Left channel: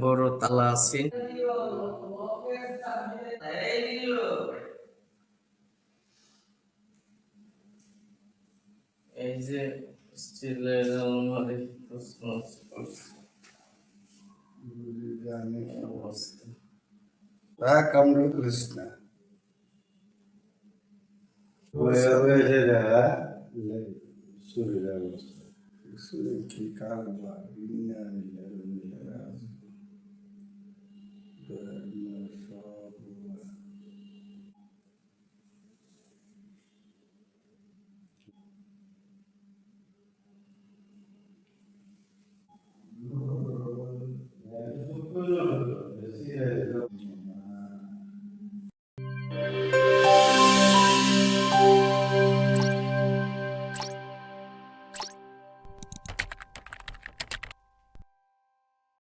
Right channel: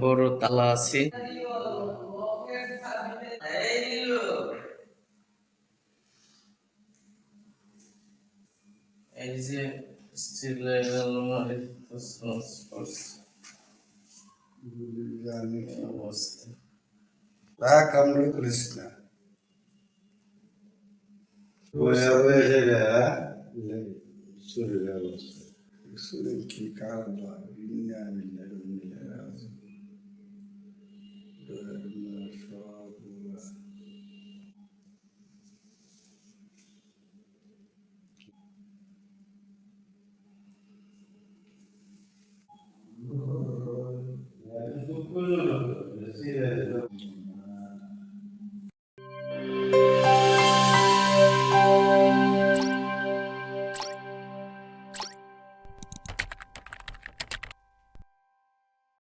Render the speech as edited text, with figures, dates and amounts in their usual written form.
বড় তালা আছে। এই যে স্টিলের আলমারি অবস্থা কামড় করিস না শরীরের অবস্থা শরীর কি কারবা ইন্না বিল্লাহি ওয়া ইন্না ইলাইহি রাজিউন